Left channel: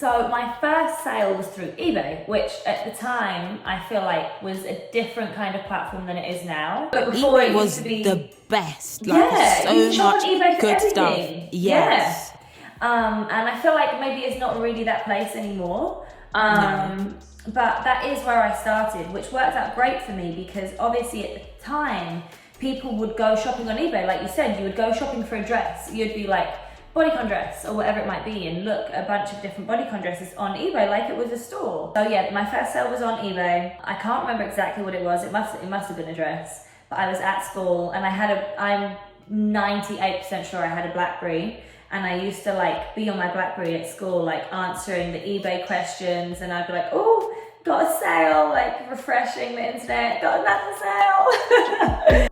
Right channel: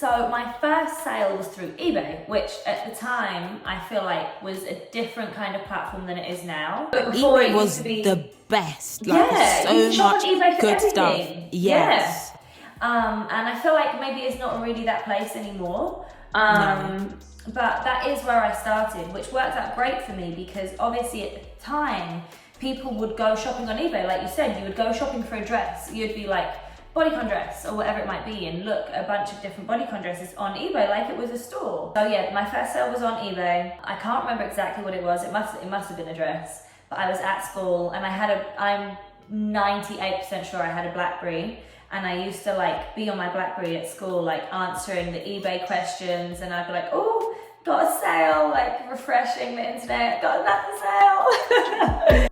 So my first sale was through eBay, which at the time I feel like was a different kind of platform than it is now. But before eBay it was used to be the best. Like, yeah, so you charge much eBay for good everything. stuff. Yes. Yeah. And I feel like maybe it's not really that place anymore. No. But that is where I started, which worked out great for me because obviously at the time, people would go shopping on eBay. Like you said, you would go shopping for a dress. You'd be like, bodycon dress or whatever it might be, and look a bunch of different bodycon dresses on eBay like it was a store. So yeah, my first sale was on eBay. I can't remember exactly what it was. It must have been a dress. But I was at school and I'm 98% sure I had a BlackBerry. And I used to like be on my BlackBerry at school, like answering the eBay questions, and I'd be like, oh, got a sale, like refreshing the internet, got another sale.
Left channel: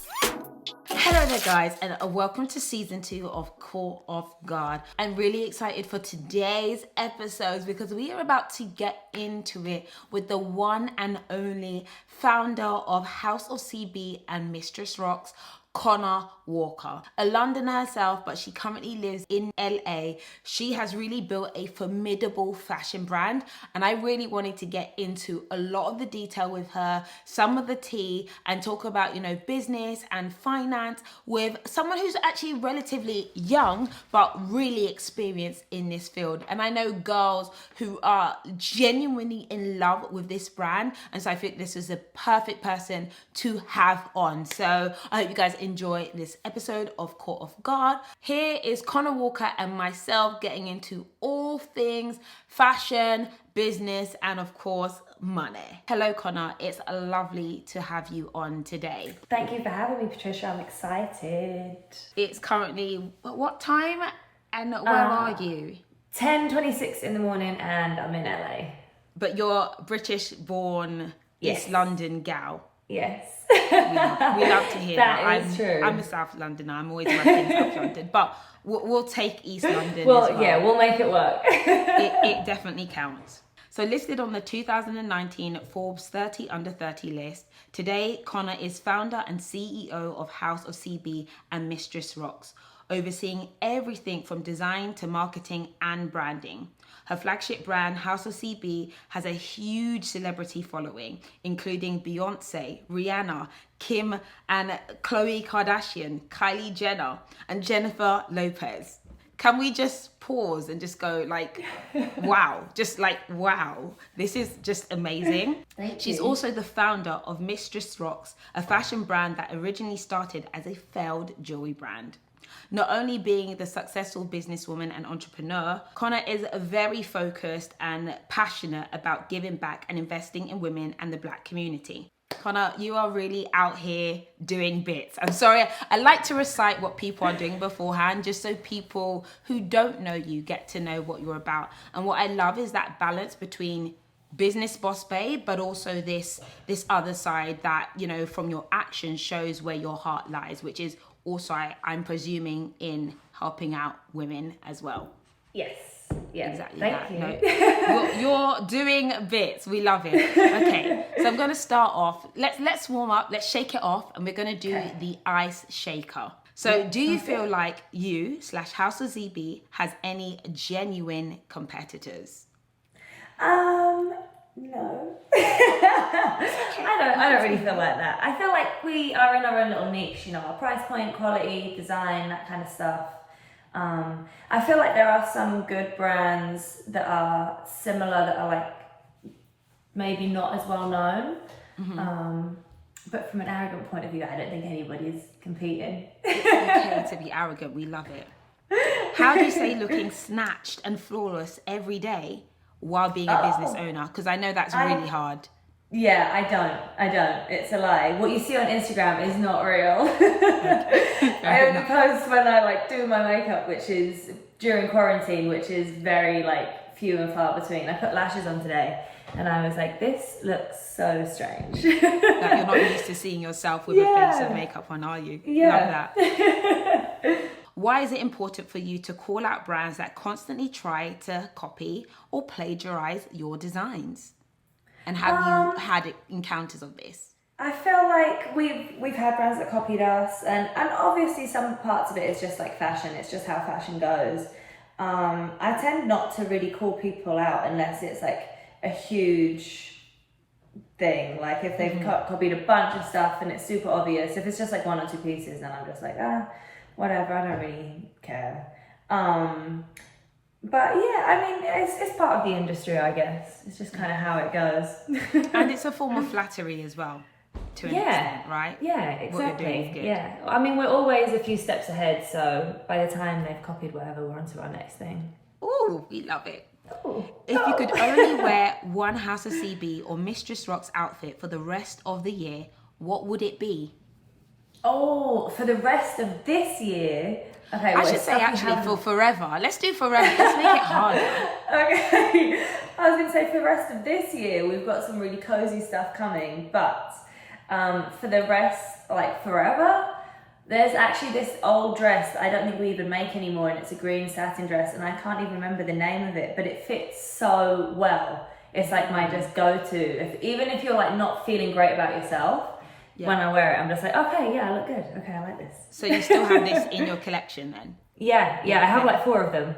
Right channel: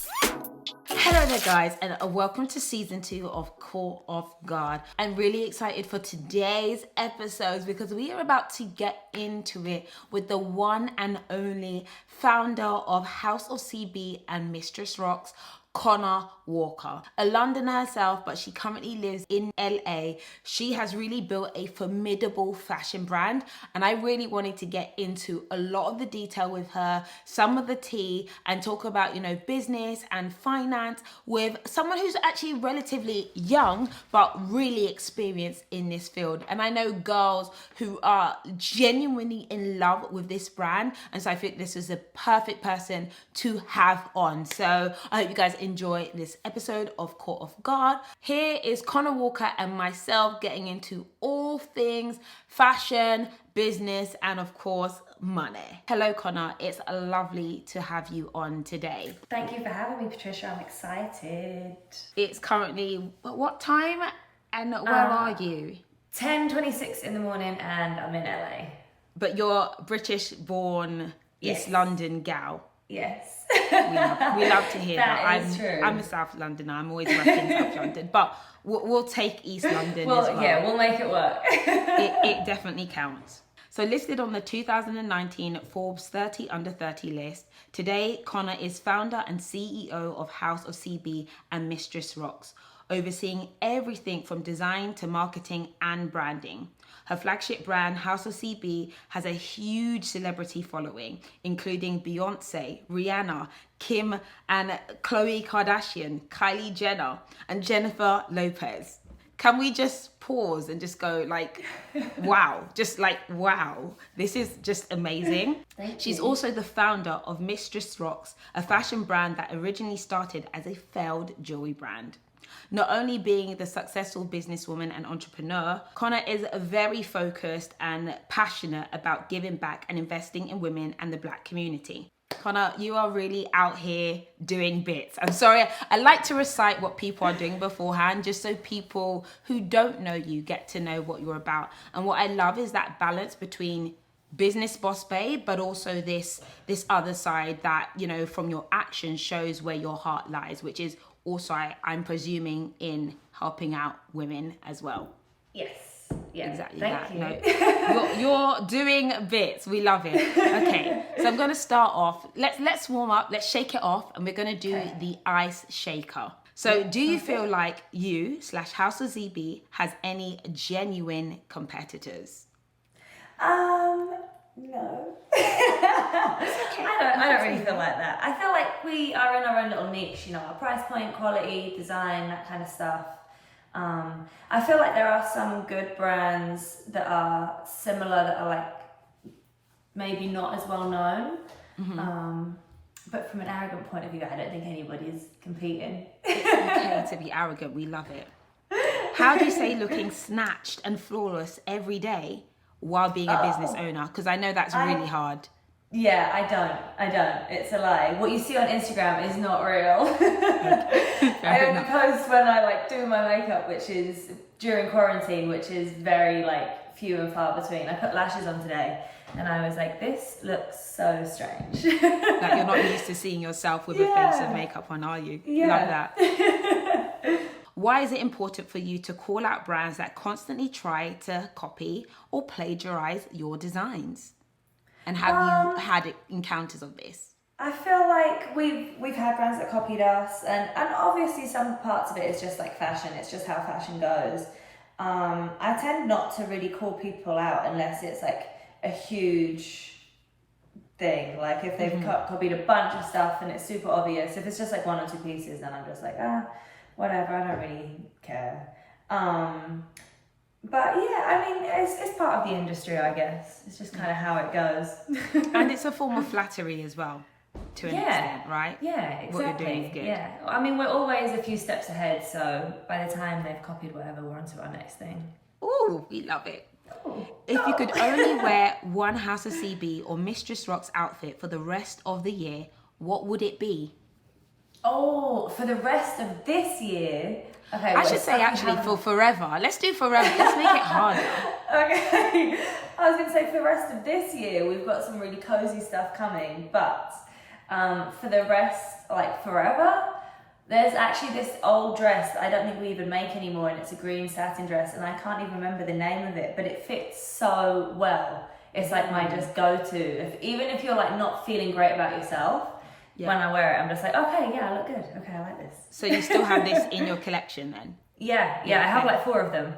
Hello there guys, and welcome to season 2 of Caught Off Guard. I'm really excited for today's episodes because we are about to get into it with the one and only founder of HouseOfCB and Mistress Rocks, Conna Walker, a Londoner herself, but she currently lives in LA. She has really built a formidable fashion brand, and I really wanted to get into a lot of the detail with her, some of the tea, and talk about, business and finance with someone who's actually relatively young, but really experienced in this field. And I know girls who are genuinely in love with this brand, and so I think this is a perfect person to have on. So I hope you guys enjoy this episode of Caught Off Guard. Here is Conna Walker and myself getting into all things fashion, business, and of course, money. Hello, Conna. It's lovely to have you on today. Thank you for having me, Patricia. I'm excited. It's currently what time and where are you? 10:26 in the morning and I'm in LA. But you're British born, Yes. East London gal. Yes. We love to hear that. That is true. I'm a South Londoner. I'm always repping South London, but we'll take East London as well. Yeah, we'll make it work. it definitely counts. So listed on the 2019 Forbes 30 Under 30 list, today Conna is founder and CEO of HouseOfCB and Mistress Rocks, overseeing everything from design to marketing and branding. Her flagship brand, HouseOfCB, has a huge celebrity following, including Beyonce, Rihanna, Kim and Khloe Kardashian, Kylie Jenner, and Jennifer Lopez. Can we just pause and just go like, wow, just like, wow, this is just amazing. She's also the founder of Mistress Rocks, a fashion brand that originally started as a failed jewelry brand. Not only being the successful businesswoman and entrepreneur, Conna is very focused and passionate about giving back and investing in women and the Black community. Conna, you are really out here doing bits. I'm sorry, I like to recite what people are doing beforehand, just so people who don't know you get to know what you're about. And what I love is that balance between business boss babe, but also this other side that, from your actions shows where your heart lies, which is also, I'm presuming, in helping out women as well. Yes. Yeah, exactly thank that. you. No, you're doing bits. We love it. Okay, so I'm going to start off. Let's warm up. Let's shake it off, and we're going to do the ice shaker. So, do you feel like you / HouseOfCB has any genuine competitors? No. I don't really feel like that. I feel like we are in our own little niche, our price point, quality, design, that kind of stuff. I feel like there are some good brands that are similar that are like maybe not as well known. Mm-hmm. But from an arrogant point of view, I don't think anybody's competing. It's okay to be arrogant. We love it. How do you say looking snatched and flawless every day while being a business owner? Because I know that's really hard. Yeah, I don't. It's a lie. What you see on Instagram is not real. Okay. I only post when I do my makeup, which is during quarantine, which is very few and far between. I put lashes on today and I was like, this looks so strange. Like you're not used to seeing yourself with a face of makeup on, are you? Yeah. Love that. Why is it important for you to call out brands that constantly try to copy or plagiarize your designs? And have you had encounters of this? I feel like we've had brands that copied us, and obviously some parts of it is just like fashion. It's just how fashion goes. I tend not to really call people out unless it's like a huge thing. Like if they've copied a bunch of stuff and it's super obvious. If it's just like 1 or 2 pieces, then I'm just like, whatever, I don't really care. But yeah, I mean, it's part of the industry, I guess. It's just kind of how it goes. And it's a form of flattery as well, to an extent, right? Yeah, exactly. What you're doing is good. Yeah, I mean, we're always a few steps ahead, so by the time they've copied whatever, we're on to our next thing. Ooh, we love it. Ooh. If you could only wear one House of CB or Mistress Rocks outfit for the rest of the year, what would it be? Oh, for the rest of this year? Okay, I should say actually for forever. Let's do forever. Let's make it harder. Okay. I was going to say for the rest of this year, we've got some really cozy stuff coming, but for the rest, like forever, there's actually this old dress that I don't think we even make anymore, and it's a green satin dress, and I can't even remember the name of it, but it fits so well. It's like my just go-to. Even if you're like not feeling great about yourself, when I wear it, I'm just like, okay, yeah, I look good. Okay, I like this. So you still have this in your collection then? Yeah, I have like 4 of them.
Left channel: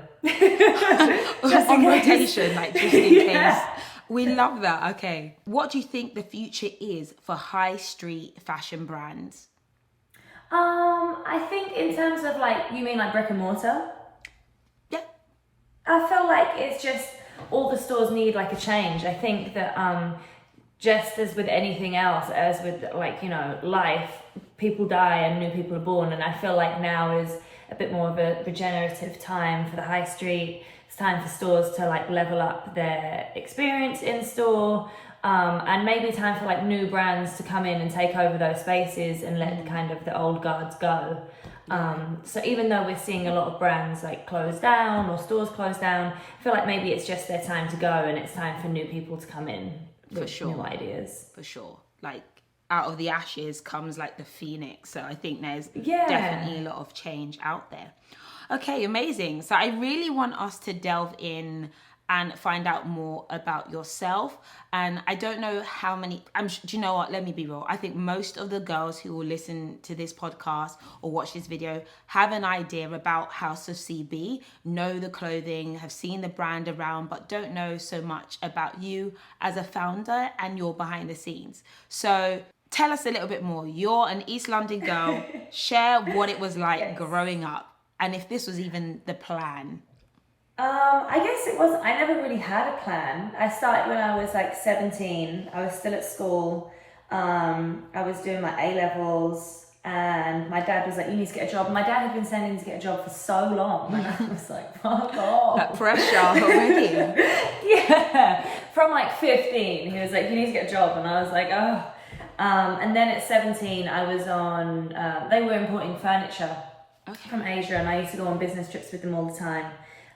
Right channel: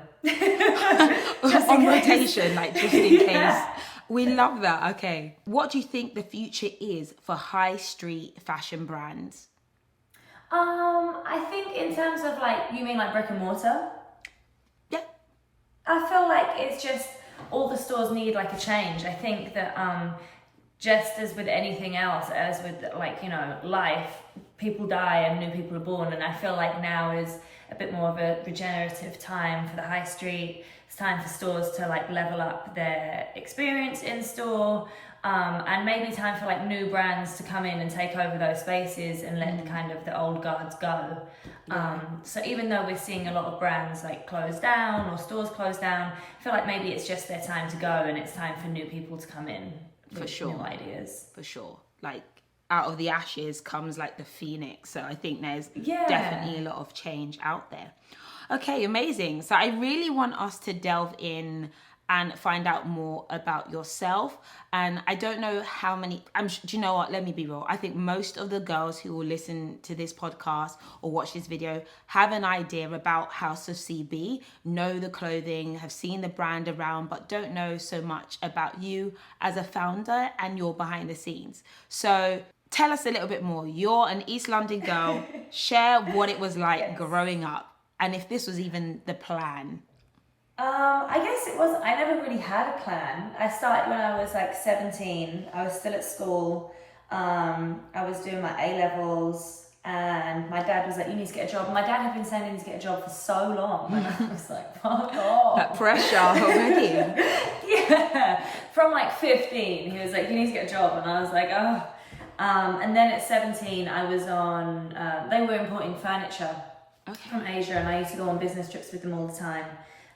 On rotation, like just in case. We love that. Okay. What do you think the future is for high street fashion brands? I think in terms of like, you mean like brick and mortar? Yeah. I feel like it's just all the stores need like a change. I think that just as with anything else, as with like, you know, life, people die and new people are born, and I feel like now is a bit more of a regenerative time for the high street. It's time for stores to like level up their experience in store, and maybe time for like new brands to come in and take over those spaces and let kind of the old guards go. So even though we're seeing a lot of brands like close down or stores close down, I feel like maybe it's just their time to go and it's time for new people to come in with new ideas. For sure. Like out of the ashes comes like the phoenix. So I think there's definitely a lot of change out there. Okay, amazing. So I really want us to delve in and find out more about yourself. And I don't know how many, do you know what? Let me be real. I think most of the girls who will listen to this podcast or watch this video have an idea about House of CB, know the clothing, have seen the brand around, but don't know so much about you as a founder and your behind the scenes. So tell us a little bit more. You're an East London girl. Share what it was like growing up and if this was even the plan. I guess it was, I never really had a plan. I started when I was like 17. I was still at school. I was doing my A-levels and my dad was like, you need to get a job. My dad had been saying he needs to get a job for so long. And I was like, fuck off. That pressure already. Yeah. From like 15, he was like, you need to get a job. And I was like, oh. And then at 17, I was on, they were importing furniture from Asia, and I used to go on business trips with them all the time.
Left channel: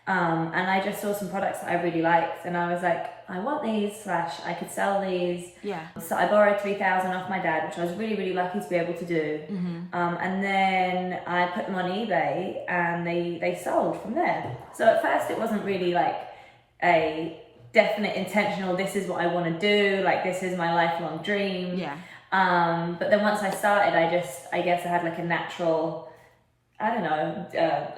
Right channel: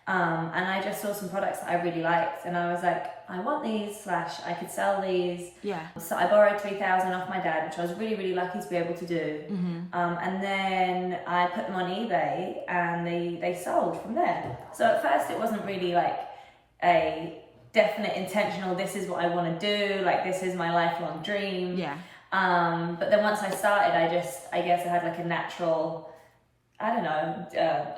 And I just saw some products that I really liked, and I was like, I want these, / I could sell these. Yeah. So I borrowed 3,000 off my dad, which I was really, really lucky to be able to do. And then I put them on eBay, and they sold from there. So at first it wasn't really like a definite intentional, this is what I want to do, like this is my lifelong dream. Yeah. But then once I started, I guess I had like a natural, I don't know,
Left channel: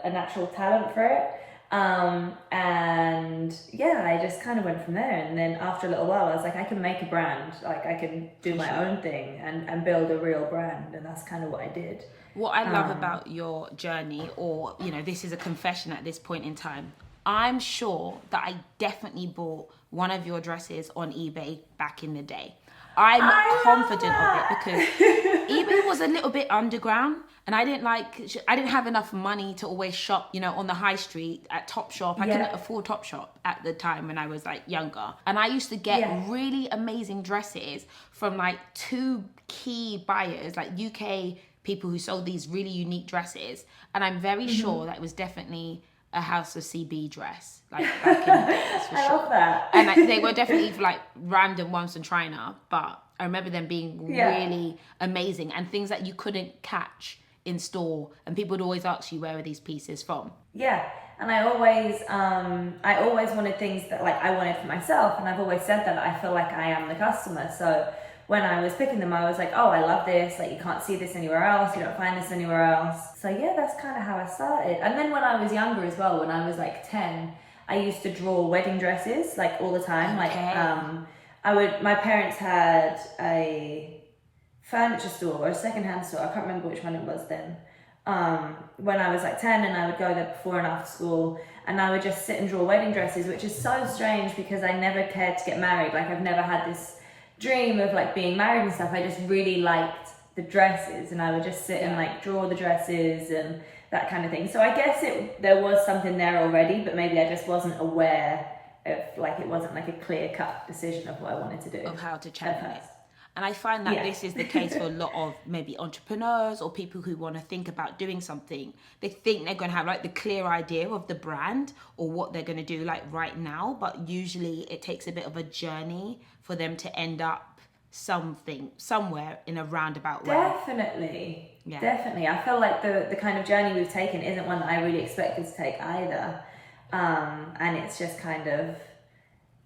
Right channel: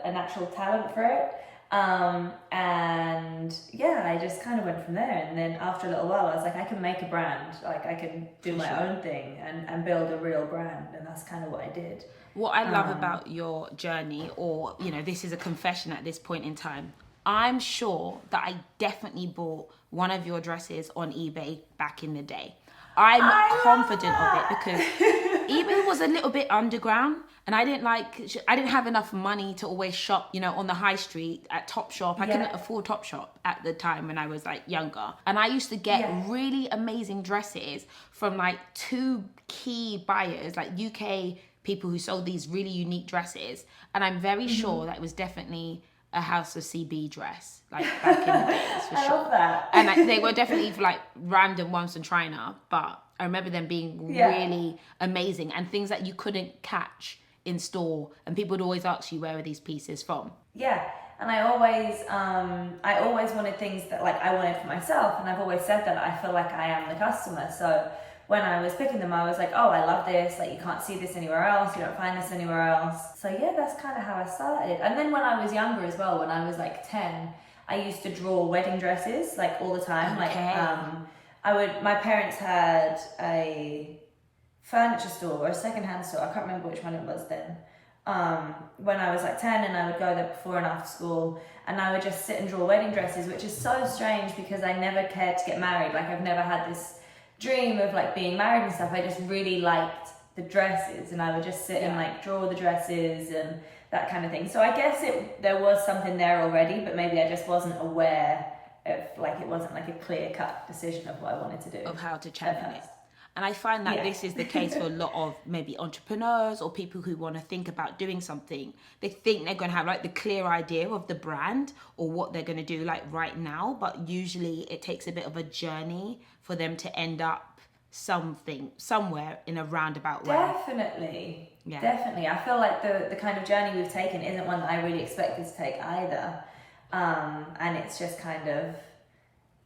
a natural talent for it. And yeah, I just kind of went from there. And then after a little while, I was like, I can make a brand, like I can do my own thing and build a real brand. And that's kind of what I did. What I love about your journey, or, you know, this is a confession at this point in time. I'm sure that I definitely bought one of your dresses on eBay back in the day. I'm confident of it because eBay was a little bit underground, and I didn't have enough money to always shop, you know, on the high street at Topshop. I couldn't afford Topshop at the time when I was like younger. And I used to get really amazing dresses from like 2 key buyers, like UK people who sold these really unique dresses. And I'm very sure that it was definitely a House of CB dress, like back in the days, for sure. Love that. And they were definitely like random ones from China, but I remember them being really amazing and things that you couldn't catch in store, and people would always ask you, where are these pieces from? Yeah, and I always wanted things that like I wanted for myself, and I've always said that I feel like I am the customer. So when I was picking them, I was like, oh, I love this. Like, you can't see this anywhere else. You don't find this anywhere else. So yeah, that's kind of how I started. And then when I was younger as well, when I was like 10, I used to draw wedding dresses like all the time. Like, my parents had a furniture store or a secondhand store. I can't remember which one it was then. When I was like 10, and I would go there before and after school, and I would just sit and draw wedding dresses, which is so strange because I never cared to get married. Like, I've never had this dream of like being married and stuff. I just really liked the dresses, and I would just sit and like draw the dresses and that kind of thing. So I guess there was something there already, but maybe I just wasn't aware of, like, it wasn't like a clear-cut decision of what I wanted to do. Of how to channel it. And I find that this is the case for a lot of maybe entrepreneurs or people who want to think about doing something. They think they're going to have like the clear idea of the brand or what they're going to do like right now, but usually it takes a bit of a journey for them to end up somewhere in a roundabout way. Definitely. Yeah. Definitely. I feel like the kind of journey we've taken isn't one that I really expected to take either. And it's just kind of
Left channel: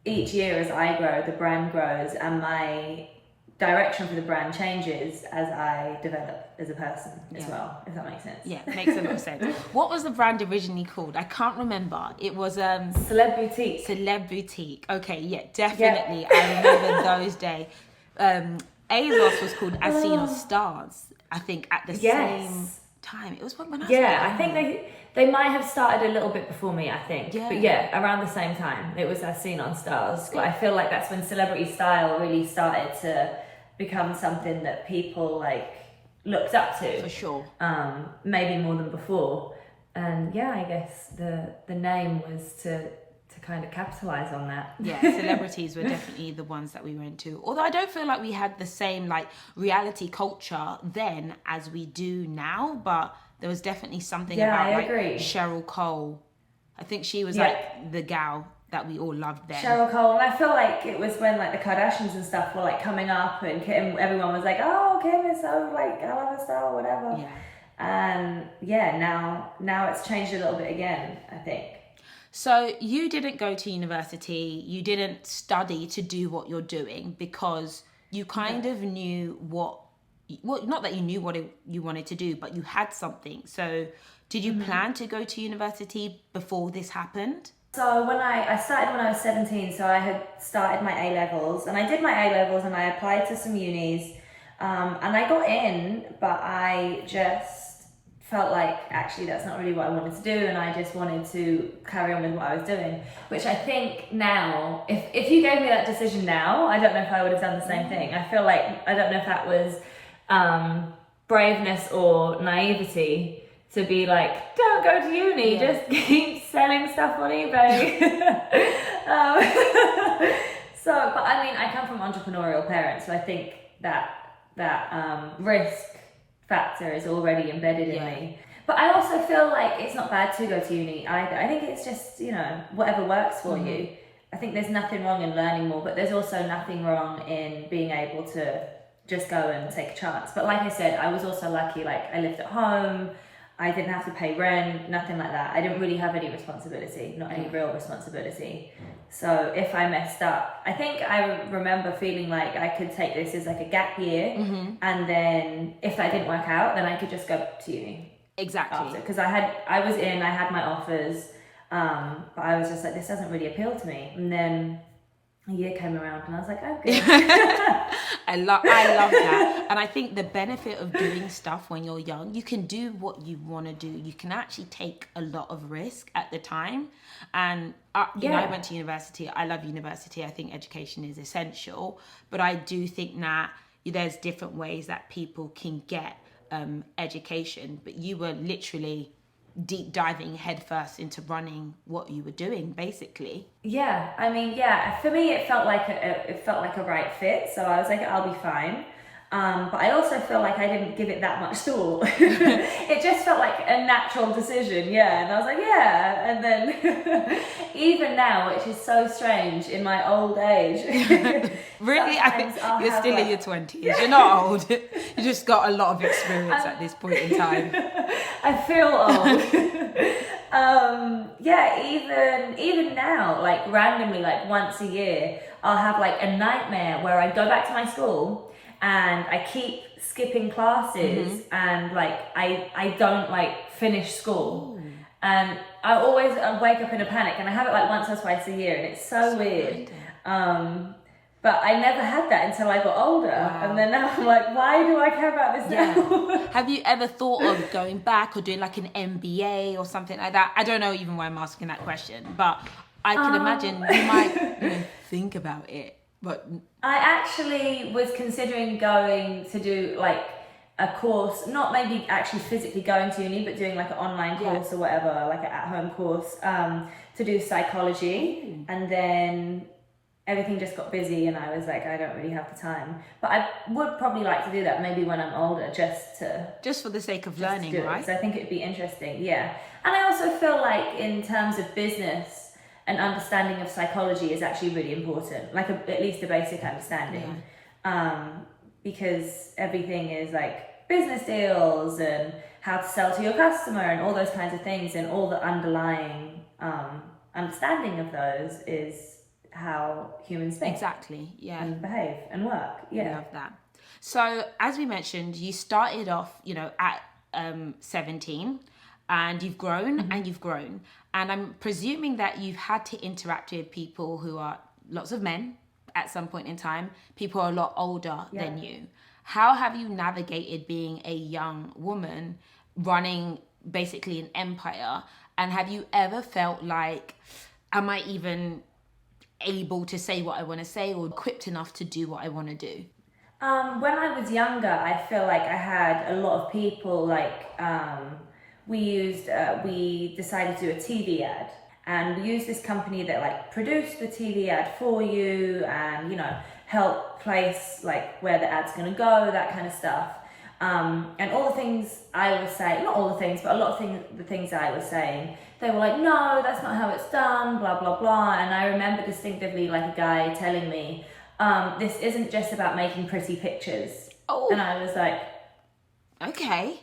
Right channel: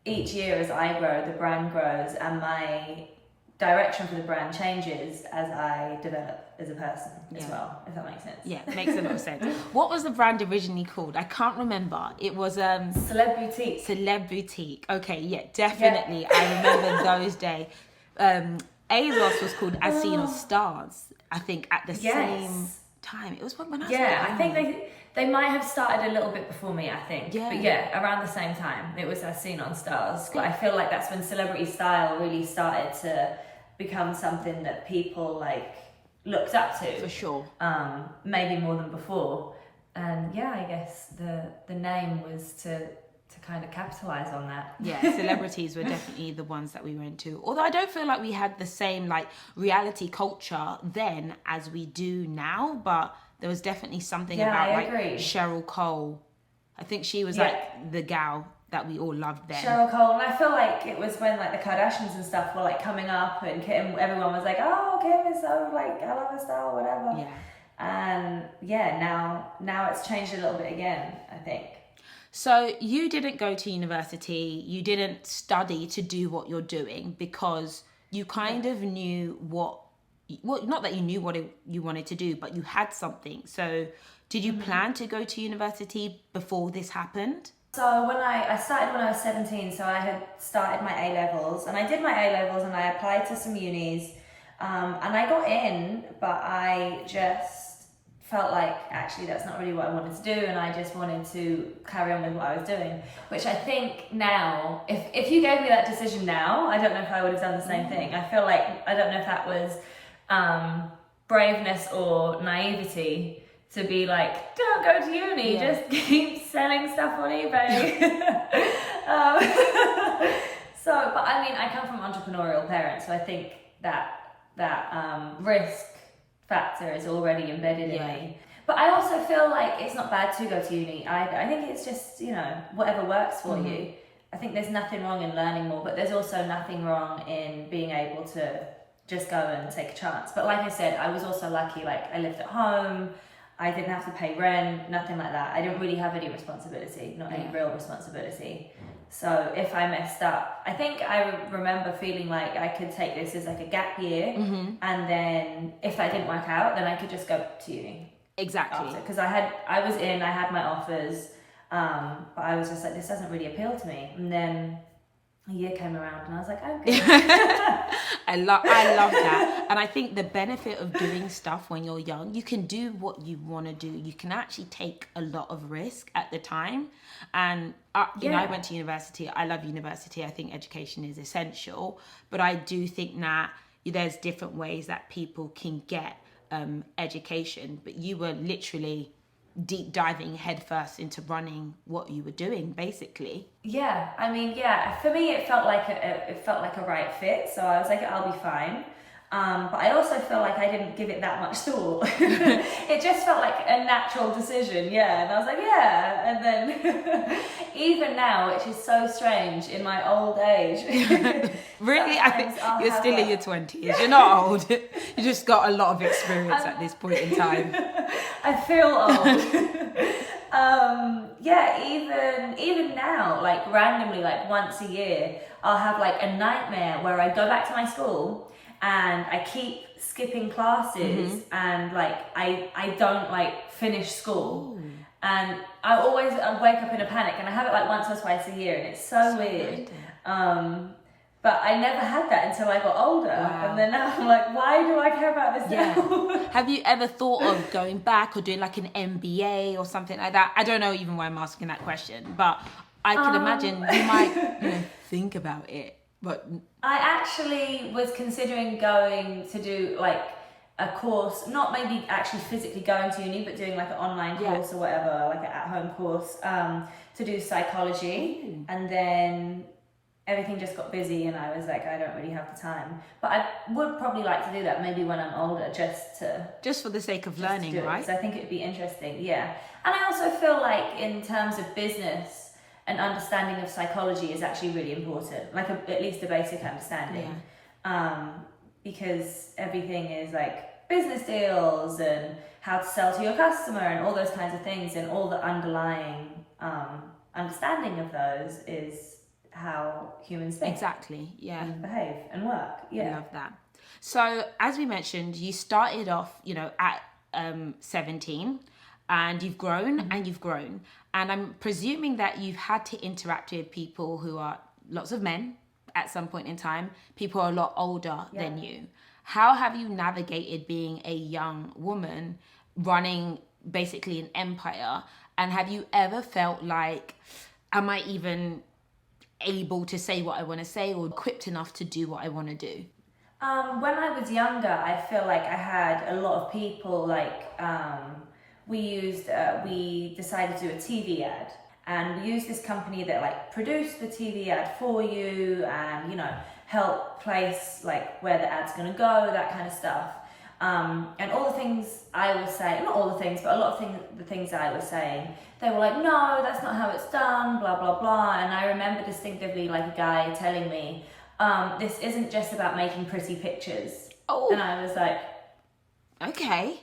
each year as I grow, the brand grows, and my direction for the brand changes as I develop as a person as well, if that makes sense. Yeah, makes a lot of sense. What was the brand originally called? I can't remember. It was Celeb Boutique. Celeb Boutique. Okay, yeah, definitely. Yeah. I remember those days. ASOS was called As Seen on Stars, I think, at the same time. It was when I was I think they might have started a little bit before me, I think. Yeah. But yeah, around the same time. It was As Seen on Stars. But I feel like that's when celebrity style really started to become something that people like looked up to. For sure. Maybe more than before. And yeah, I guess the name was to kind of capitalize on that. Yeah, celebrities were definitely the ones that we went to. Although I don't feel like we had the same like reality culture then as we do now, but there was definitely something about like Cheryl Cole. I think she was like the gal that we all loved then. Cheryl Cole, and I feel like it was when like the Kardashians and stuff were like coming up, and everyone was like, oh, Kim is so like, I love her style, whatever. Yeah. And yeah, now it's changed a little bit again, I think. So you didn't go to university, you didn't study to do what you're doing because you kind of knew not that you knew what you wanted to do, but you had something. So did you plan to go to university before this happened? So when I started when I was 17, so I had started my A-levels, and I did my A-levels and I applied to some unis, and I got in, but I just felt like actually that's not really what I wanted to do, and I just wanted to carry on with what I was doing, which I think now, if you gave me that decision now, I don't know if I would have done the same thing. I feel like, I don't know if that was braveness or naivety to be like, don't go to uni, just keep selling stuff on eBay. But I mean, I come from entrepreneurial parents, so I think that risk factor is already embedded in me. But I also feel like it's not bad to go to uni either. I think it's just, whatever works for you. I think there's nothing wrong in learning more, but there's also nothing wrong in being able to just go and take a chance. But like I said, I was also lucky, like I lived at home, I didn't have to pay rent, nothing like that. I didn't really have any responsibility, not any real responsibility. So if I messed up, I think I remember feeling like I could take this as like a gap year, and then if that didn't work out, then I could just go to uni. Exactly. Because I had my offers, but I was just like, this doesn't really appeal to me. And then a year came around and I was like, okay. I love that. And I think the benefit of doing stuff when you're young, you can do what you want to do. You can actually take a lot of risk at the time. And I went to university. I love university. I think education is essential. But I do think that there's different ways that people can get education. But you were literally deep diving headfirst into running what you were doing, basically. Yeah, I mean, for me it felt like a right fit, so I was like, I'll be fine. But I also feel like I didn't give it that much thought. It just felt like a natural decision, and I was like, and then even now, which is so strange in my old age. Really? I think you're still in your 20s. You're not old. You just got a lot of experience at this point in time. I feel old. Yeah, even now, like randomly, like once a year, I'll have like a nightmare where I go back to my school and I keep skipping classes and like I don't like finish school. Ooh. And I always wake up in a panic, and I have it like once or twice a year, and it's so weird. But I never had that until I got older. Wow. And then now I'm like, why do I care about this now? Have you ever thought of going back or doing like an MBA or something like that? I don't know even why I'm asking that question, but I can imagine you might think about it. But I actually was considering going to do like a course, not maybe actually physically going to uni, but doing like an online course or whatever, like an at-home course, to do psychology. Ooh. And then everything just got busy and I was like, I don't really have the time. But I would probably like to do that maybe when I'm older, just for the sake of learning, right? So I think it'd be interesting, yeah. And I also feel like in terms of business, an understanding of psychology is actually really important, like at least a basic understanding. Because everything is like business deals and how to sell to your customer and all those kinds of things, and all the underlying understanding of those is how humans think. Exactly, yeah. And behave and work. Yeah. I love that. So as we mentioned, you started off, at 17, and you've grown and you've grown. And I'm presuming that you've had to interact with people who are lots of men at some point in time, people are a lot older than you. How have you navigated being a young woman running basically an empire? And have you ever felt like, am I even able to say what I want to say or equipped enough to do what I want to do? When I was younger, I feel like I had a lot of people, like we decided to do a TV ad, and we used this company that like produced the TV ad for you and, help place like where the ad's going to go, that kind of stuff. And all the things I was saying, not all the things, but a lot of the things I was saying, they were like, no, that's not how it's done, blah, blah, blah. And I remember distinctively like a guy telling me, this isn't just about making pretty pictures. Oh. And I was like, okay.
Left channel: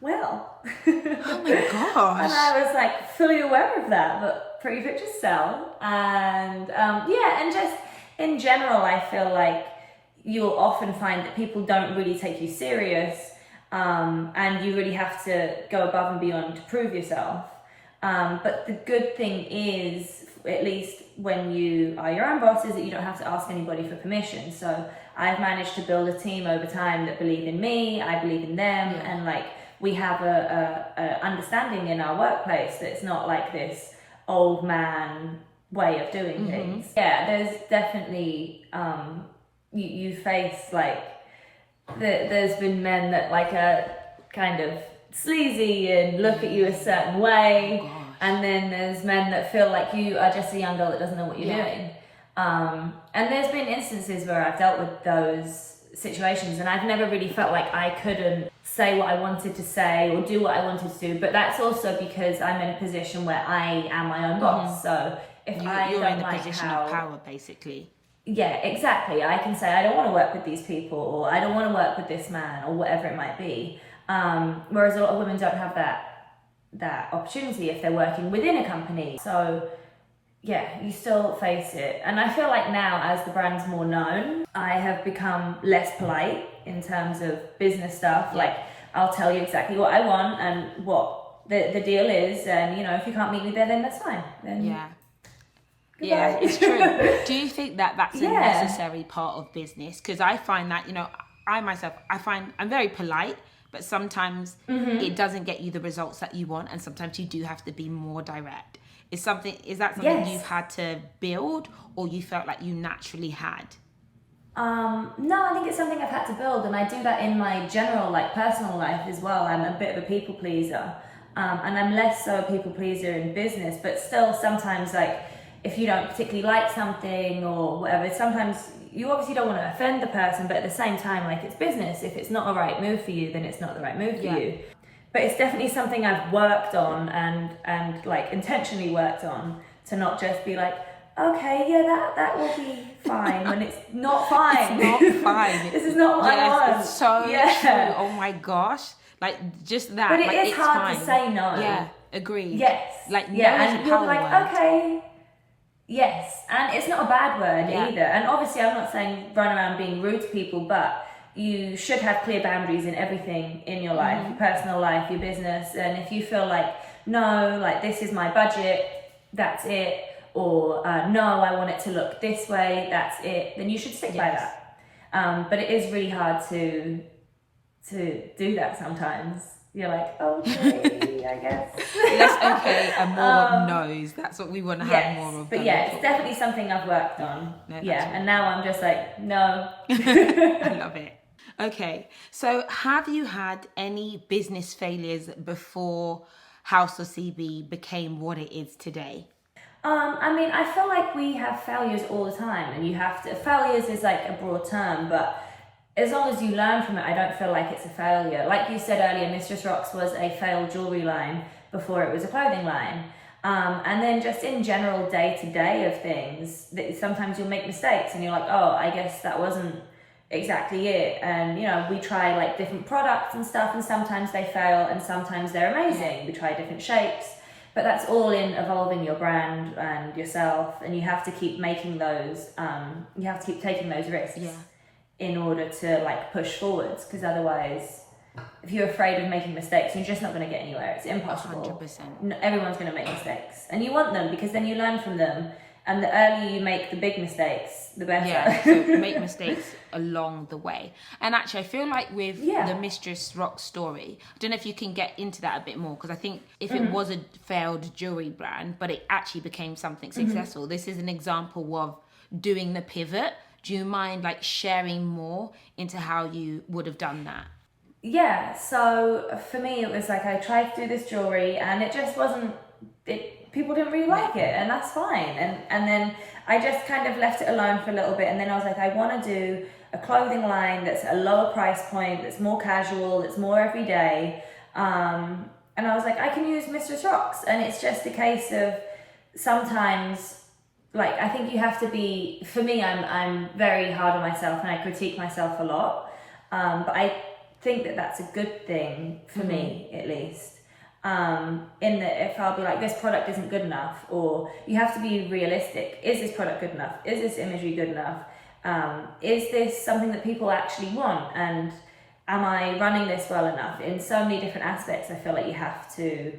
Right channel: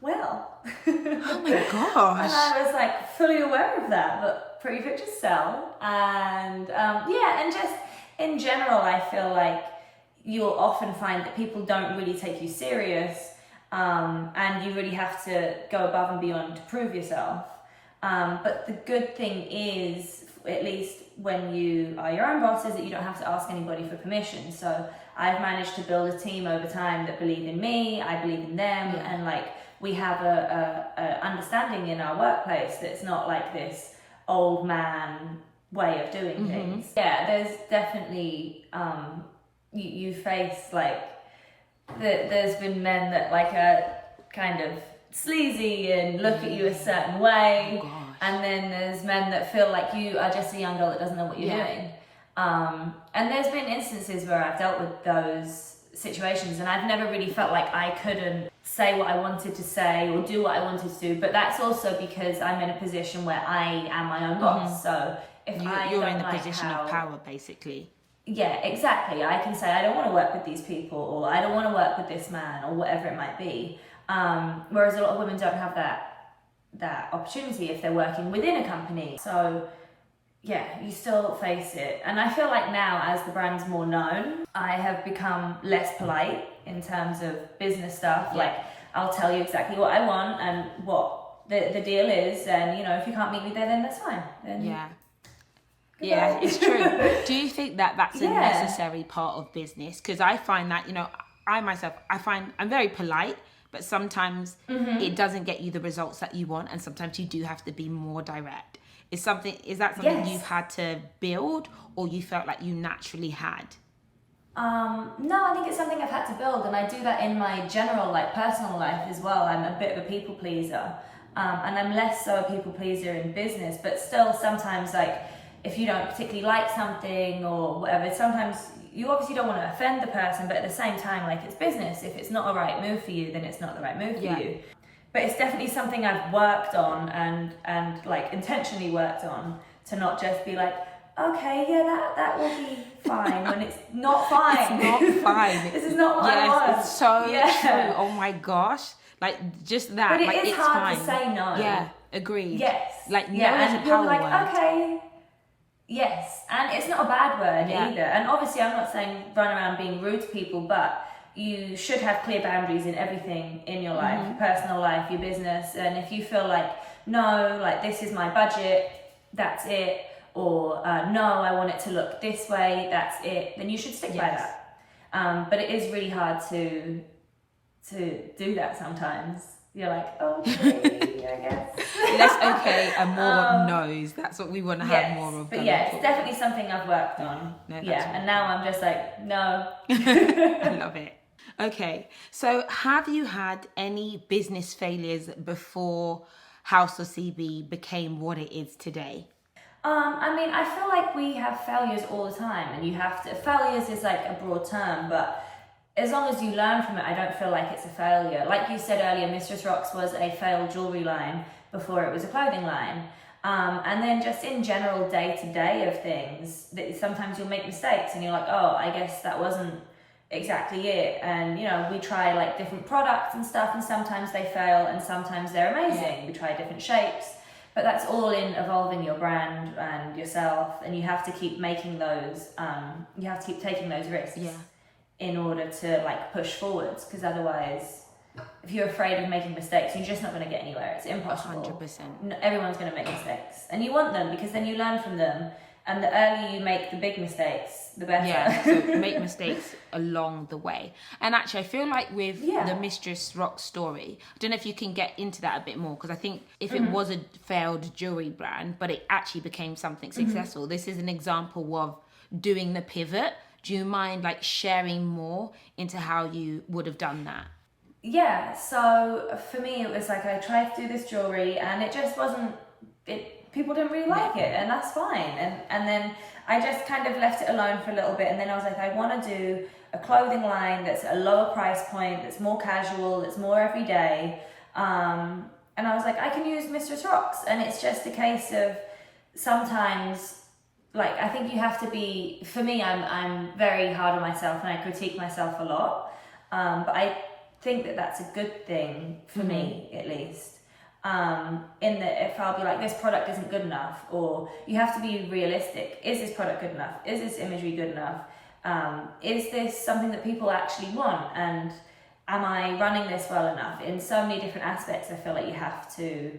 Well. Oh my gosh. And I was like fully aware of that, but pretty pictures sell. And and just in general, I feel like you'll often find that people don't really take you serious, and you really have to go above and beyond to prove yourself. But the good thing is, at least when you are your own boss, is that you don't have to ask anybody for permission. So I've managed to build a team over time that believe in me, I believe in them, and like we have a understanding in our workplace that's not like this old man way of doing things. Yeah, there's definitely you face like there's been men that like are kind of sleazy and look at you a certain way, and then there's men that feel like you are just a young girl that doesn't know what you're doing. And there's been instances where I've dealt with those situations and I've never really felt like I couldn't say what I wanted to say or do what I wanted to do, but that's also because I'm in a position where I am my own boss. So if you're in the position of power, basically. Yeah, exactly. I can say I don't want to work with these people, or I don't want to work with this man, or whatever it might be. Whereas a lot of women don't have that opportunity if they're working within a company. So yeah, you still face it. And I feel like now, as the brand's more known, I have become less polite in terms of business stuff. Like, I'll tell you exactly what I want and what the deal is, and if you can't meet me there, then that's fine. Then yeah, it's true. Do you think that that's a necessary part of business? Because I find that, I'm very polite, but sometimes it doesn't get you the results that you want, and sometimes you do have to be more direct. Is that something you've had to build, or you felt like you naturally had? No, I think it's something I've had to build, and I do that in my general personal life as well. I'm a bit of a people pleaser, and I'm less so a people pleaser in business, but still sometimes if you don't particularly like something or whatever, sometimes you obviously don't want to offend the person, but at the same time, it's business. If it's not the right move for you, then it's not the right move for you. But it's definitely something I've worked on and intentionally worked on, to not just be like, okay, that will be fine, when it's not fine. It's not fine. This is not what I want. It's so true. Oh my gosh. Just that. But it's it's hard fine. to say no. Yeah. Agreed. Yes. Like, yeah, no is a and you're power like, word. okay. Yes, and it's not a bad word Yeah. either. And obviously, I'm not saying run around being rude to people, but you should have clear boundaries in everything in your life, your personal life, your business. And if you feel like, no, like this is my budget, that's it, or no, I want it to look this way, that's it, then you should stick by that. But it is really hard to do that sometimes. You're like, okay, I guess. Less okay and more no's. That's what we want to have Yes, more of but going yeah, it's forward. definitely something I've worked on. No, that's Yeah, really and now I'm just like, no. I love it. Okay, so have you had any business failures before House of CB became what it is today? I mean, I feel like we have failures all the time, and you have to. Failures is like a broad term, but as long as you learn from it, I don't feel like it's a failure. Like you said earlier, Mistress Rocks was a failed jewelry line before it was a clothing line. And then just in general day-to-day of things, that sometimes you'll make mistakes and you're like, oh, I guess that wasn't exactly it. And, you know, we try like different products and stuff, and sometimes they fail and sometimes they're amazing. Yeah. We try different shapes, but that's all in evolving your brand and yourself, and you have to keep making those, you have to keep taking those risks. Yeah. In order to like push forwards, because otherwise, if you're afraid of making mistakes, you're just not going to get anywhere. It's impossible. 100%. Everyone's going to make mistakes, and you want them because then you learn from them. And the earlier you make the big mistakes, the better. Yeah, so make mistakes along the way. And actually, I feel like with Yeah. the Mistress Rocks story, I don't know if you can get into that a bit more, because I think if it was a failed jewelry brand, but it actually became something successful, this is an example of doing the pivot. Do you mind like sharing more into how you would have done that? Yeah, so for me it was like I tried to do this jewelry and it just wasn't, people didn't really like it, and that's fine. And then I just kind of left it alone for a little bit, and then I was like, I want to do a clothing line that's a lower price point, that's more casual, that's more everyday. And I was like, I can use Mistress Rocks, and it's just a case of sometimes, like, I think you have to be, for me, I'm very hard on myself and I critique myself a lot. But I think that that's a good thing for me, at least. In that if I'll be like, this product isn't good enough, or you have to be realistic. Is this product good enough? Is this imagery good enough? Is this something that people actually want? And am I running this well enough? In so many different aspects, I feel like you have to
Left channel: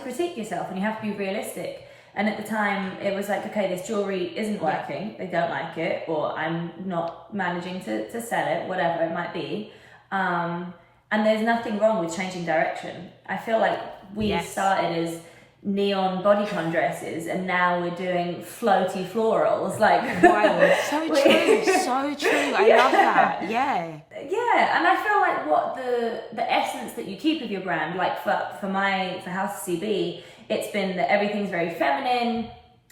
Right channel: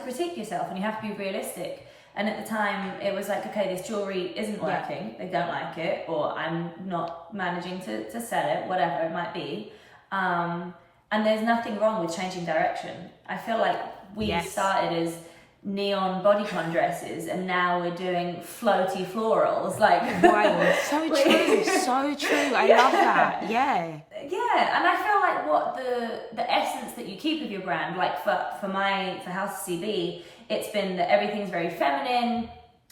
critique yourself and you have to be realistic. And at the time, it was like, okay, this jewelry isn't working, they don't like it, or I'm not managing to sell it, whatever it might be. And there's nothing wrong with changing direction. I feel like we started as neon bodycon dresses, and now we're doing floaty florals. Like, wild. So true, so true. I love that. Yeah. Yeah, and I feel like what the essence that you keep of your brand, like for House of CB, it's been that everything's very feminine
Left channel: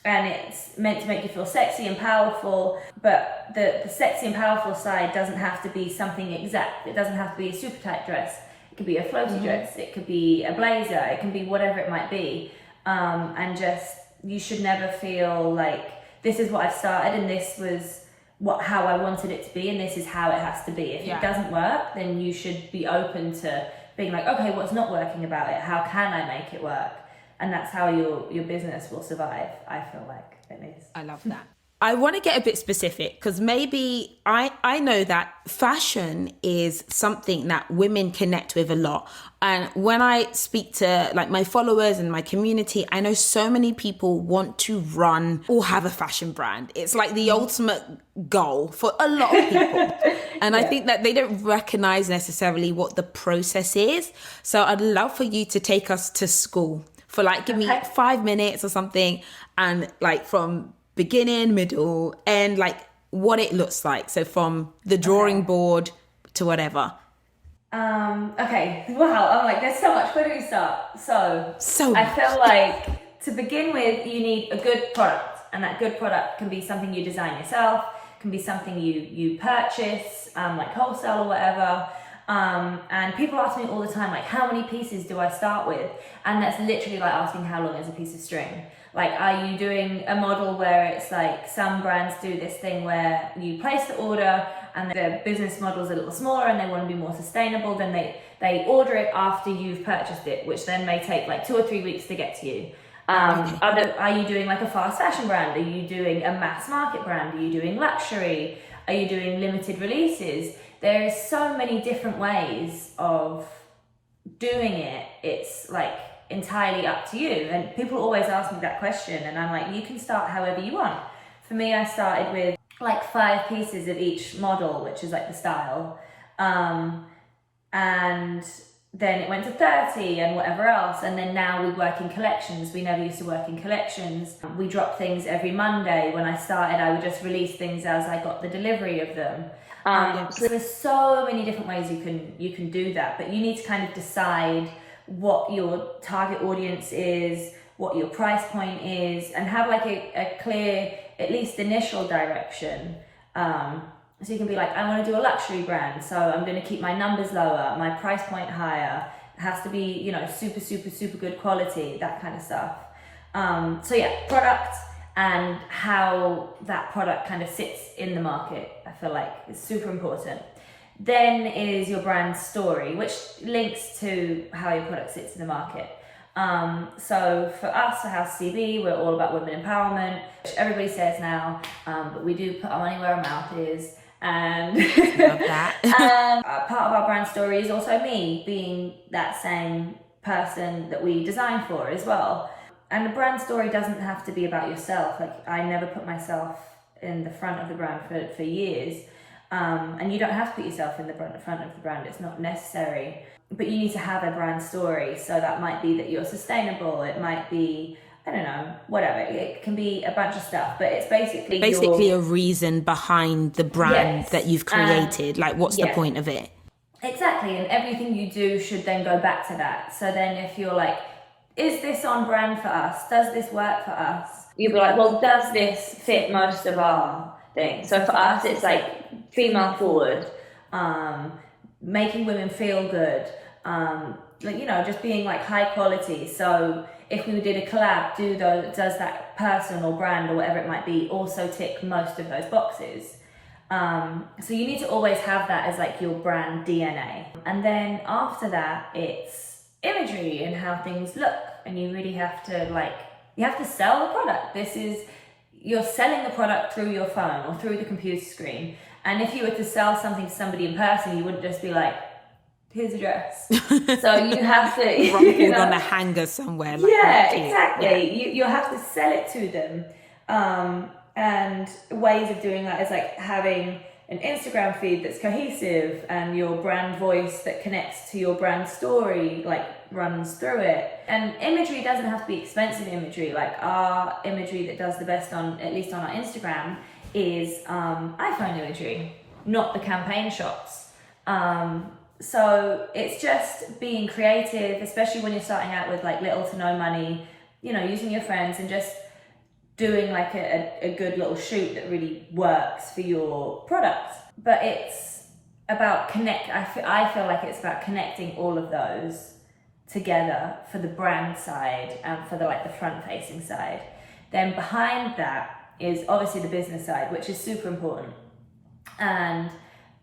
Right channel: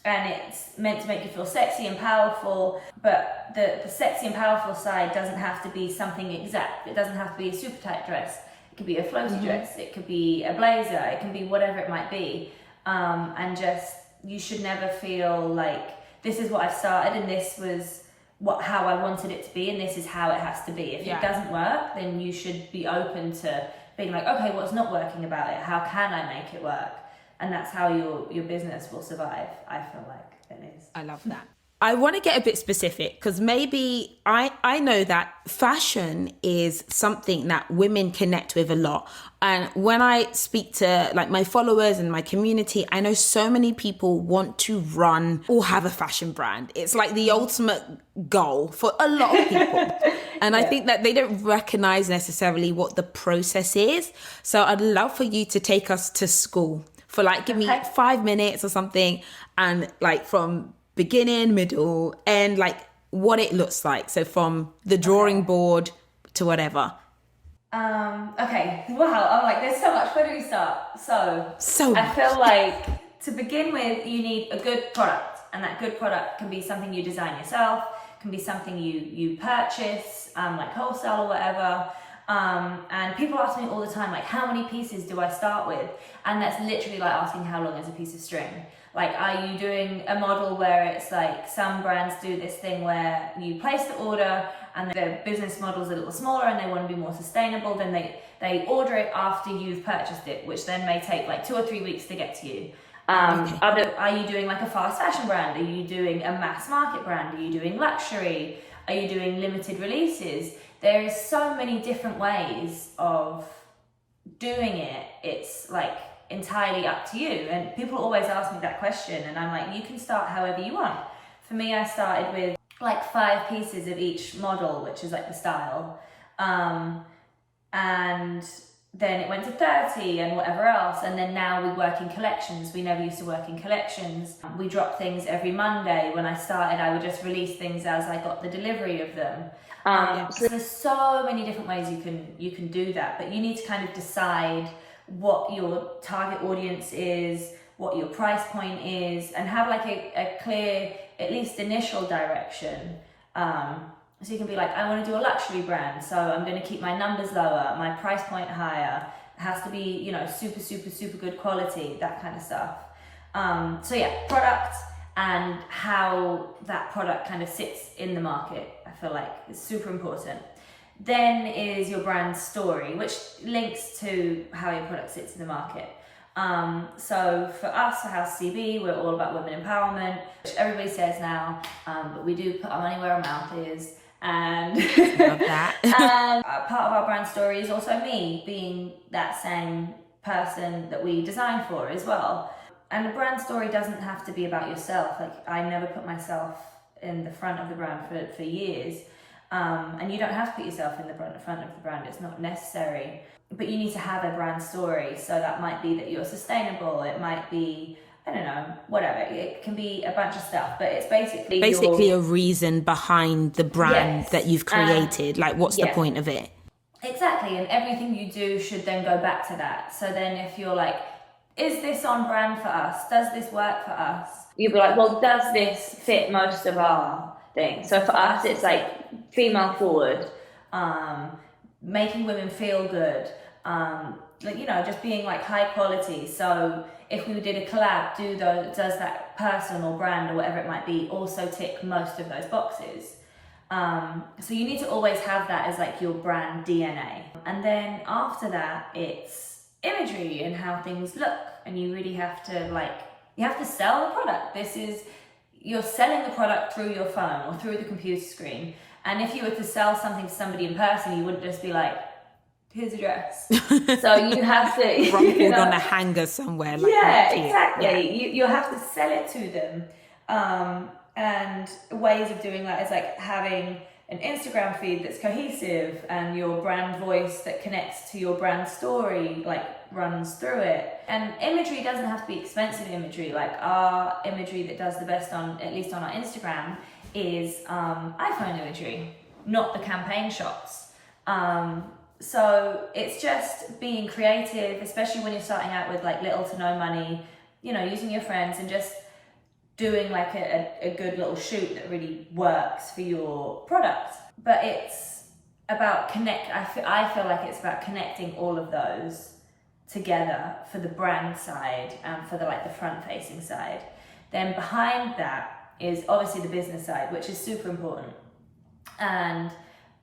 and it's meant to make you feel sexy and powerful, but the sexy and powerful side doesn't have to be something exact. It doesn't have to be a super tight dress. It could be a floaty dress, it could be a blazer, it can be whatever it might be. And just, you should never feel like, this is what I've started and this was how I wanted it to be and this is how it has to be. If it doesn't work, then you should be open to being like, okay, what's not working about it? How can I make it work? And that's how your business will survive, I feel like, at least. I love that. I want to get a bit specific, because maybe I know that fashion is something that women connect with a lot. And when I speak to like my followers and my community, I know so many people want to run or have a fashion brand. It's like the ultimate goal for a lot of people. And I think that they don't recognize necessarily what the process is. So I'd love for you to take us to school for like, give me 5 minutes or something. And like from beginning, middle, end, like what it looks like. So from the drawing board to whatever. Okay. Wow. I'm like, there's so much. Where do we start? So I much. feel like to begin with, you need a good product, and that good product can be something you design yourself, can be something you purchase, like wholesale or whatever. And people ask me all the time, like, how many pieces do I start with? And that's literally like asking how long is a piece of string. Like, are you doing a model where it's like, some brands do this thing where you place the order and the business model is a little smaller and they want to be more sustainable, then they order it after you've purchased it, which then may take like 2 or 3 weeks to get to you. Are you doing like a fast fashion brand? Are you doing a mass market brand? Are you doing luxury? Are you doing limited releases? There's so many different ways of doing it. It's like entirely up to you. And people always ask me that question, and I'm like, you can start however you want. For me, I started with like 5 pieces of each model, which is like the style. And then it went to 30 and whatever else. And then now we work in collections. We never used to work in collections. We drop things every Monday. When I started, I would just release things as I got the delivery of them. So there's so many different ways you can do that, but you need to kind of decide what your target audience is, what your price point is, and have like a clear, at least initial direction. So you can be like, I want to do a luxury brand, so I'm going to keep my numbers lower, my price point higher. It has to be, you know, super, super, super good quality, that kind of stuff. So yeah, product and how that product kind of sits in the market, I feel like is super important. Then is your brand story, which links to how your product sits in the market. So for us at HouseOfCB, we're all about women empowerment, which everybody says now, but we do put our money where our mouth is. And love that. And part of our brand story is also me being that same person that we design for as well. And the brand story doesn't have to be about yourself. Like, I never put myself in the front of the brand for years. And you don't have to put yourself in the front of the brand. It's not necessary. But you need to have a brand story. So that might be that you're sustainable. It might be, I don't know, whatever. It can be a bunch of stuff, but it's basically a reason behind the brand that you've created. Like, what's the point of it? Exactly, and everything you do should then go back to that. So then if you're like, is this on brand for us? Does this work for us? You'll be like, well, does this fit most of our thing? So for us, it's like female forward, making women feel good, like, you know, just being like high quality. So if we did a collab, does that person or brand or whatever it might be also tick most of those boxes? So you need to always have that as like your brand DNA. And then after that, it's imagery and how things look. And you really have to sell the product. You're selling the product through your phone or through the computer screen. And if you were to sell something to somebody in person, you wouldn't just be like, here's a dress. So you have to rumpled on a hanger somewhere. Like exactly. Yeah. You'll have to sell it to them. And ways of doing that is like having an Instagram feed that's cohesive and your brand voice that connects to your brand story, like runs through it. And imagery doesn't have to be expensive imagery. Like our imagery that does the best at least on our Instagram is iPhone imagery, not the campaign shots. So it's just being creative, especially when you're starting out with like little to no money, you know, using your friends and just doing like a good little shoot that really works for your product. But it's about I feel like it's about connecting all of those together for the brand side and for the front facing side. Then behind that is obviously the business side, which is super important. And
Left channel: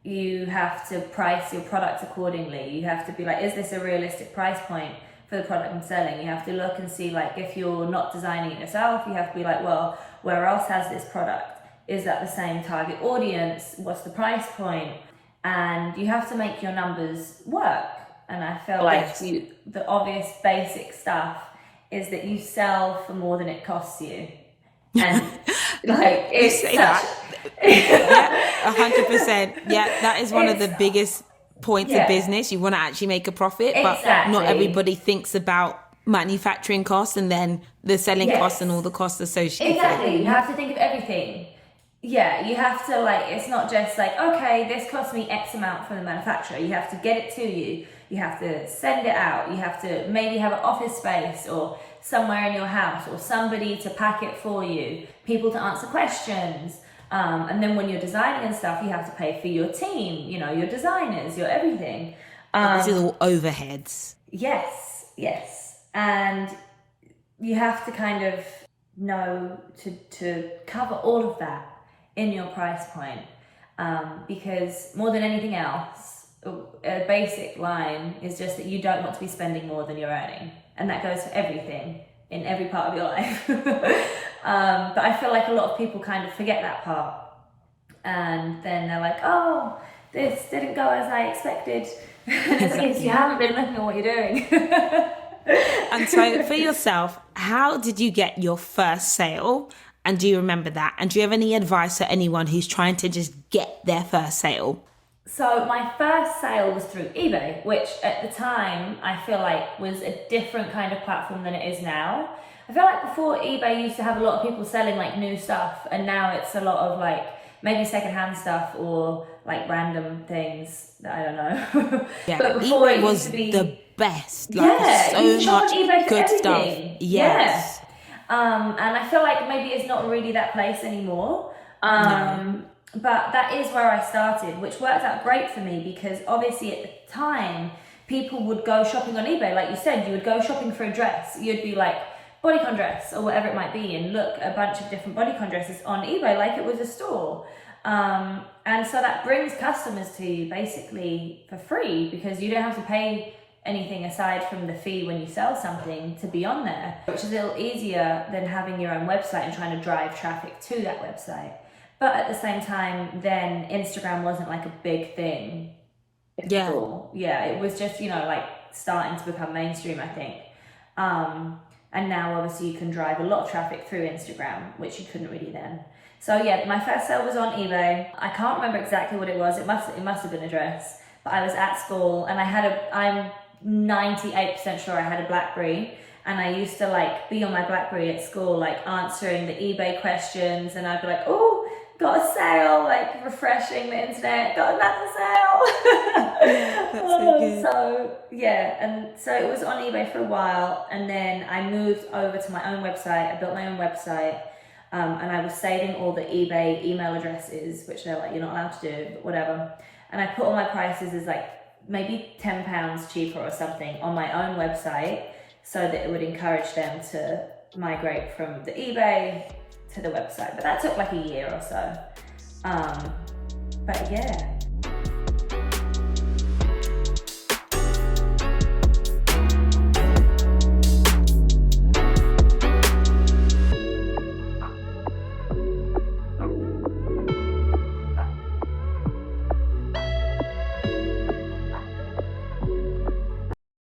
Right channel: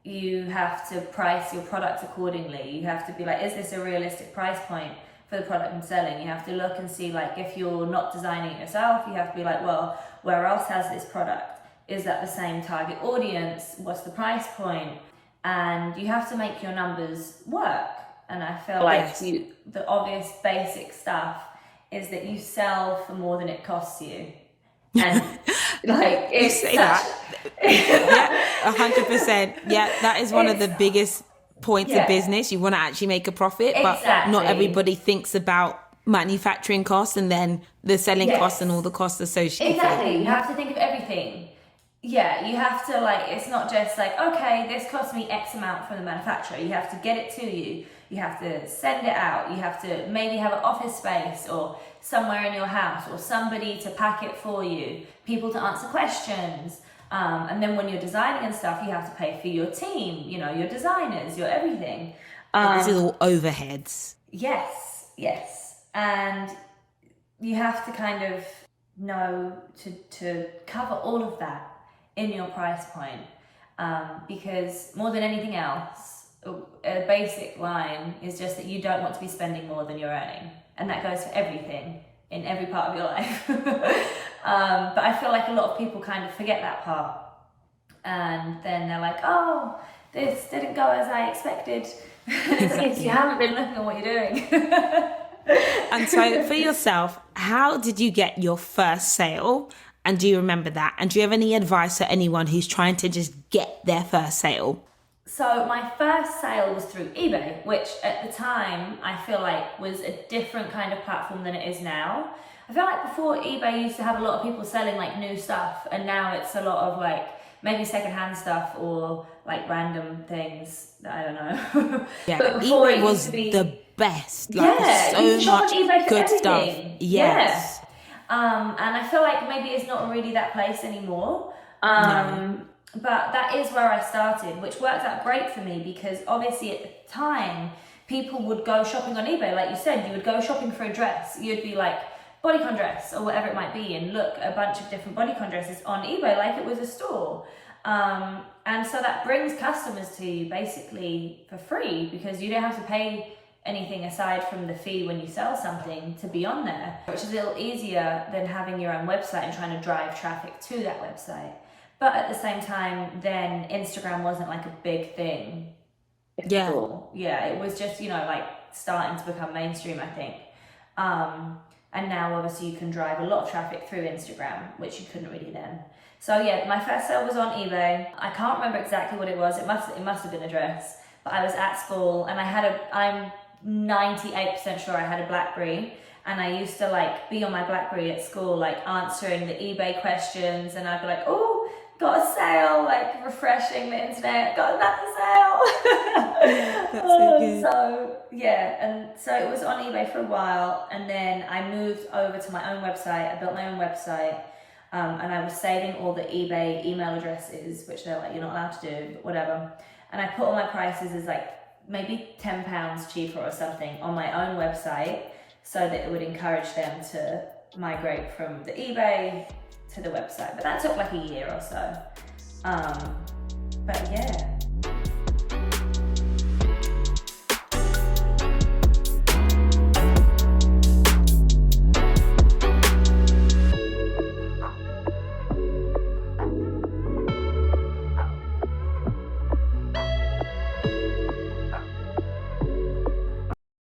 you have to price your product accordingly. You have to be like, is this a realistic price point for the product I'm selling? You have to look and see, like, if you're not designing it yourself, you have to be like, well, where else has this product? Is that the same target audience? What's the price point? And you have to make your numbers work. And I feel like the obvious basic stuff is that you sell for more than it costs you. And like, you say that. Yeah, 100%. Yeah, that is one of the biggest points of business. You want to actually make a profit, but not everybody thinks about manufacturing costs and then the selling costs and all the costs associated. Exactly. You have to think of everything. Yeah, you have to, like, it's not just like, okay, this cost me X amount from the manufacturer. You have to get it to you. You have to send it out. You have to maybe have an office space or somewhere in your house or somebody to pack it for you, people to answer questions. And then when you're designing and stuff, you have to pay for your team, you know, your designers, your everything. These are all overheads. Yes. And you have to kind of know to cover all of that in your price point. Because more than anything else, a basic line is just that you don't want to be spending more than you're earning. And that goes for everything in every part of your life. But I feel like a lot of people kind of forget that part. And then they're like, oh, this didn't go as I expected. Exactly. You haven't been looking at what you're doing. And so for yourself, how did you get your first sale? And do you remember that? And do you have any advice for anyone who's trying to just get their first sale? So my first sale was through eBay, which at the time I feel like was a different kind of platform than it is now. I feel like before eBay used to have a lot of people selling like new stuff, and now it's a lot of like maybe secondhand stuff or like random things that I don't know. Yeah, but before eBay was the best. Like, you so much eBay for good everything. stuff. Yes. Yeah. And I feel like maybe it's not really that place anymore. No. But that is where I started, which worked out great for me because obviously at the time, people would go shopping on eBay. Like you said, you would go shopping for a dress. You'd be like, bodycon dress or whatever it might be, and look, a bunch of different bodycon dresses on eBay like it was a store. And so that brings customers to you basically for free because you don't have to pay anything aside from the fee when you sell something to be on there, which is a little easier than having your own website and trying to drive traffic to that website. But at the same time, then Instagram wasn't like a big thing. Yeah. Yeah, it was just, you know, like starting to become mainstream, I think. And now obviously you can drive a lot of traffic through Instagram, which you couldn't really then. So yeah, my first sale was on eBay. I can't remember exactly what it was. It must have been a dress. But I was at school and I'm 98% sure I had a BlackBerry. And I used to like be on my BlackBerry at school, like answering the eBay questions, and I'd be like, oh, got a sale, like refreshing the internet, got another sale. Yeah, that's so good. So yeah, and so it was on eBay for a while, and then I moved over to my own website. I built my own website, and I was saving all the eBay email addresses, which they're like, you're not allowed to do, but whatever. And I put all my prices as like maybe £10 cheaper or something on my own website, so that it would encourage them to migrate from the eBay to the website. But that took like a year or so. But yeah.